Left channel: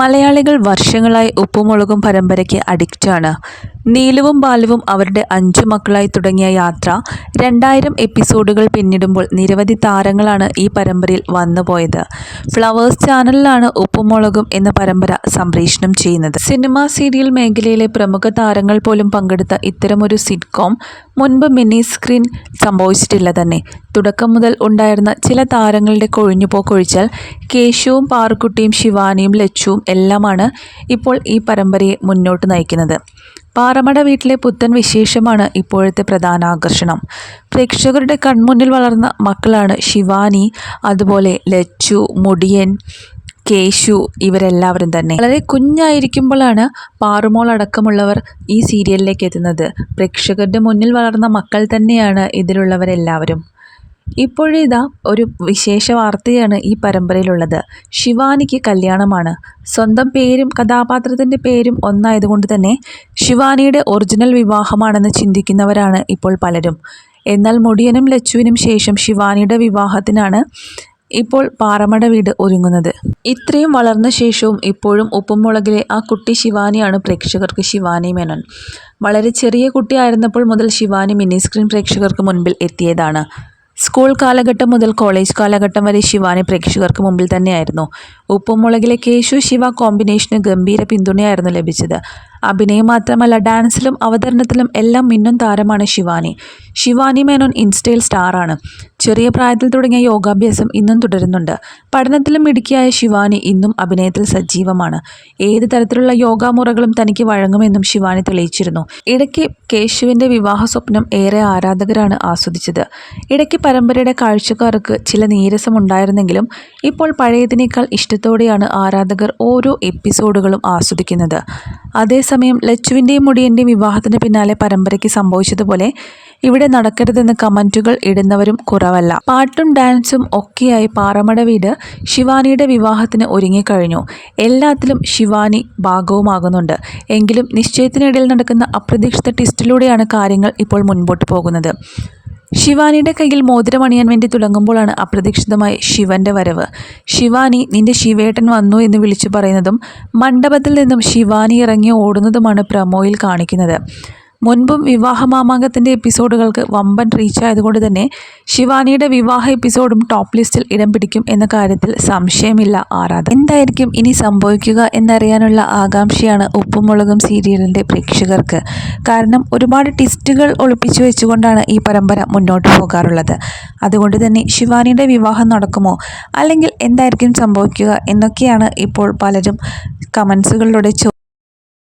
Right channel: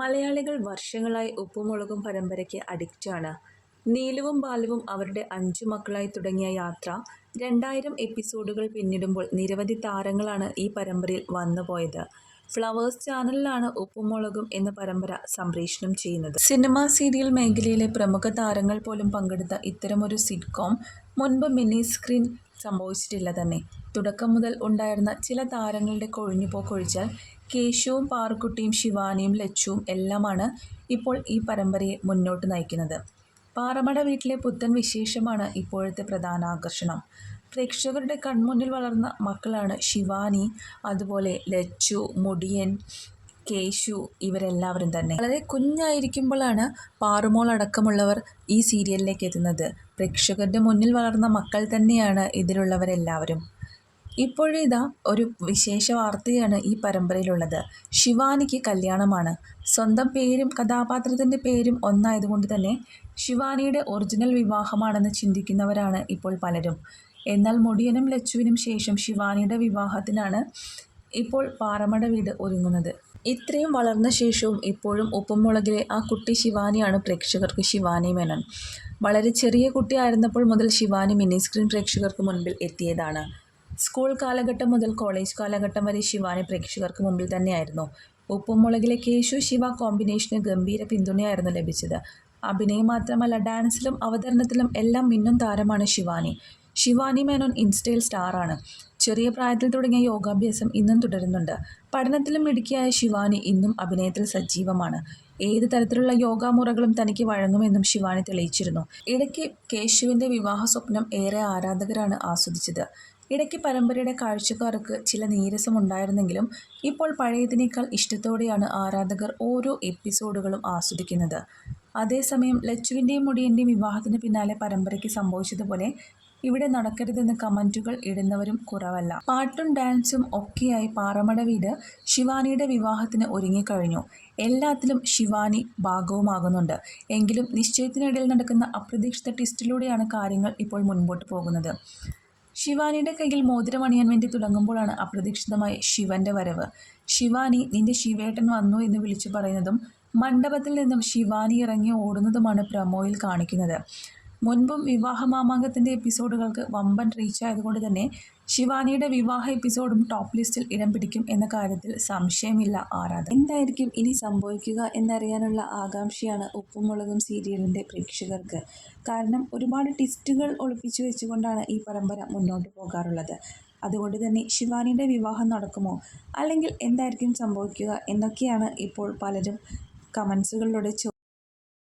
മലയാളികൾ വർഷങ്ങളായി ഉപ്പുമുളകും പരമ്പരയ്ക്ക് അഡിക്റ്റാണ്. നീലുവും ബാലുവും അവരുടെ അഞ്ചു മക്കളായി തുടങ്ങിയ യാത്ര രണ്ടായിരം എപ്പിസോഡുകൾ പിന്നിടുമ്പോൾ നിരവധി താരങ്ങളാണ് ഈ പരമ്പരയിൽ വന്നുപോയത് ഫ്ലവേഴ്സ് ചാനലിലാണ് ഉപ്പുമുളകും എന്ന പരമ്പര സംപ്രേഷണം ചെയ്യുന്നത്. സിനിമ സീരിയൽ മേഖലയിലെ പ്രമുഖ താരങ്ങൾ പോലും പങ്കെടുത്ത ഇത്തരമൊരു സിറ്റ്കോം മുൻപ് മിനി സ്ക്രീൻ സംഭവിച്ചിട്ടില്ല തന്നെ. തുടക്കം മുതൽ ഉണ്ടായിരുന്ന ചില താരങ്ങളുടെ കൊഴിഞ്ഞുപോക്കൊഴിച്ചാൽ കേശുവും പാറുക്കുട്ടിയും ശിവാനിയും ലച്ചുവും എല്ലാമാണ് ഇപ്പോൾ ഈ പരമ്പരയെ മുന്നോട്ട് നയിക്കുന്നത്. പാറമട വീട്ടിലെ പുത്തൻ വിശേഷമാണ് ഇപ്പോഴത്തെ പ്രധാന ആകർഷണം. പ്രേക്ഷകരുടെ കൺമുന്നിൽ വളർന്ന മക്കളാണ് ശിവാനി അതുപോലെ ലച്ചു മുടിയൻ കേശു ഇവരെല്ലാവരും തന്നെ. വളരെ കുഞ്ഞായിരിക്കുമ്പോഴാണ് പാറുമോൾ അടക്കമുള്ളവർ ഈ സീരിയലിലേക്ക് എത്തുന്നത്. പ്രേക്ഷകരുടെ മുന്നിൽ വളർന്ന മക്കൾ തന്നെയാണ് ഇതിലുള്ളവരെല്ലാവരും. ഇപ്പോഴിതാ ഒരു വിശേഷ വാർത്തയാണ് ഈ പരമ്പരയിലുള്ളത്. ശിവാനിക്ക് കല്യാണമാണ്. സ്വന്തം പേരും കഥാപാത്രത്തിന്റെ പേരും ഒന്നായതുകൊണ്ട് തന്നെ ശിവാനിയുടെ ഒറിജിനൽ വിവാഹമാണെന്ന് ചിന്തിക്കുന്നവരാണ് ഇപ്പോൾ പലരും. എന്നാൽ മുടിയനും ലച്ചുവിനും ശേഷം ശിവാനിയുടെ വിവാഹത്തിനാണ് ഇപ്പോൾ പാറമട വീട് ഒരുങ്ങുന്നത്. ഇത്രയും വളർന്ന ശേഷവും ഇപ്പോഴും ഉപ്പുമുളകിലെ ആ കുട്ടി ശിവാനിയാണ് പ്രേക്ഷകർക്ക് ശിവാനി മേനോൻ. വളരെ ചെറിയ കുട്ടിയായിരുന്നപ്പോൾ മുതൽ ശിവാനി മിനി സ്ക്രീൻ പ്രേക്ഷകർക്ക് മുൻപിൽ എത്തിയതാണ്. സ്കൂൾ കാലഘട്ടം മുതൽ കോളേജ് കാലഘട്ടം വരെ ശിവാനി പ്രേക്ഷകർക്ക് മുമ്പിൽ തന്നെയായിരുന്നു. ഉപ്പുമുളകിലെ കേശു ശിവ കോമ്പിനേഷന് ഗംഭീര പിന്തുണയായിരുന്നു ലഭിച്ചത്. അഭിനയം മാത്രമല്ല ഡാൻസിലും അവതരണത്തിലും എല്ലാം മിന്നും താരമാണ് ശിവാനി. ശിവാനി മേനോൻ ഇൻസ്റ്റയിൽ സ്റ്റാറാണ്. ചെറിയ പ്രായത്തിൽ തുടങ്ങിയ യോഗാഭ്യാസം ഇന്നും തുടരുന്നുണ്ട്. പഠനത്തിലും മിടുക്കിയായ ശിവാനി ഇന്നും അഭിനയത്തിൽ സജീവമാണ്. ഏത് തരത്തിലുള്ള യോഗാമുറകളും തനിക്ക് വഴങ്ങുമെന്നും ശിവാനി തെളിയിച്ചിരുന്നു. ഇടയ്ക്ക് കേശുവിന്റെ വിവാഹ സ്വപ്നം ഏറെ ആരാധകരാണ് ആസ്വദിച്ചത്. ഇടയ്ക്ക് പരമ്പരയുടെ കാഴ്ചക്കാർക്ക് ചില നീരസമുണ്ടായിരുന്നെങ്കിലും ഇപ്പോൾ പഴയതിനേക്കാൾ ഇഷ്ടത്തോടെയാണ് ആരാധകർ ഓരോ എപ്പിസോഡുകളും ആസ്വദിക്കുന്നത്. അതേസമയം ലച്ചുവിന്റെയും മുടിയന്റെയും വിവാഹത്തിന് പിന്നാലെ പരമ്പരയ്ക്ക് സംഭവിച്ചതുപോലെ ഇവിടെ നടക്കരുതെന്ന് കമന്റുകൾ ഇടുന്നവരും കുറവല്ല. പാട്ടും ഡാൻസും ഒക്കെയായി പാറമട വീട് ശിവാനിയുടെ വിവാഹത്തിന് ഒരുങ്ങിക്കഴിഞ്ഞു. എല്ലാത്തിലും ശിവാനി ഭാഗവുമാകുന്നുണ്ട്. എങ്കിലും നിശ്ചയത്തിനിടയിൽ നടക്കുന്ന അപ്രതീക്ഷിത ടിസ്റ്റിലൂടെയാണ് കാര്യങ്ങൾ ഇപ്പോൾ മുൻപോട്ട് പോകുന്നത്. ശിവാനിയുടെ കയ്യിൽ മോതിരം അണിയാൻ വേണ്ടി തുടങ്ങുമ്പോഴാണ് അപ്രതീക്ഷിതമായി ശിവന്റെ വരവ്. ശിവാനി നിന്റെ ശിവേട്ടൻ വന്നു എന്ന് വിളിച്ചു പറയുന്നതും മണ്ഡപത്തിൽ നിന്നും ശിവാനി ഇറങ്ങി ഓടുന്നതുമാണ് പ്രമോയിൽ കാണിക്കുന്നത്. മുൻപും വിവാഹ മാമാങ്കത്തിന്റെ എപ്പിസോഡുകൾക്ക് വമ്പൻ റീച്ച് ആയതുകൊണ്ട് തന്നെ ശിവാനിയുടെ വിവാഹ എപ്പിസോഡും ടോപ്പ് ലിസ്റ്റിൽ ഇടം പിടിക്കും എന്ന കാര്യത്തിൽ സംശയമില്ല. ആരാധ എന്തായിരിക്കും ഇനി സംഭവിക്കുക എന്നറിയാനുള്ള ആകാംക്ഷയാണ് ഉപ്പുമുളകും സീരിയലിന്റെ പ്രേക്ഷകർക്ക്. കാരണം ഒരുപാട് ടിസ്റ്റുകൾ ഒളിപ്പിച്ചു വെച്ചുകൊണ്ടാണ് ഈ പരമ്പര മുന്നോട്ട് പോകാറുള്ളത്. അതുകൊണ്ട് തന്നെ ശിവാനിയുടെ വിവാഹം നടക്കുമോ? അല്ലെങ്കിൽ എന്തായിരിക്കും സംഭവിക്കുക എന്നൊക്കെയാണ് ഇപ്പോൾ പലരും കമൻസുകളിലൂടെ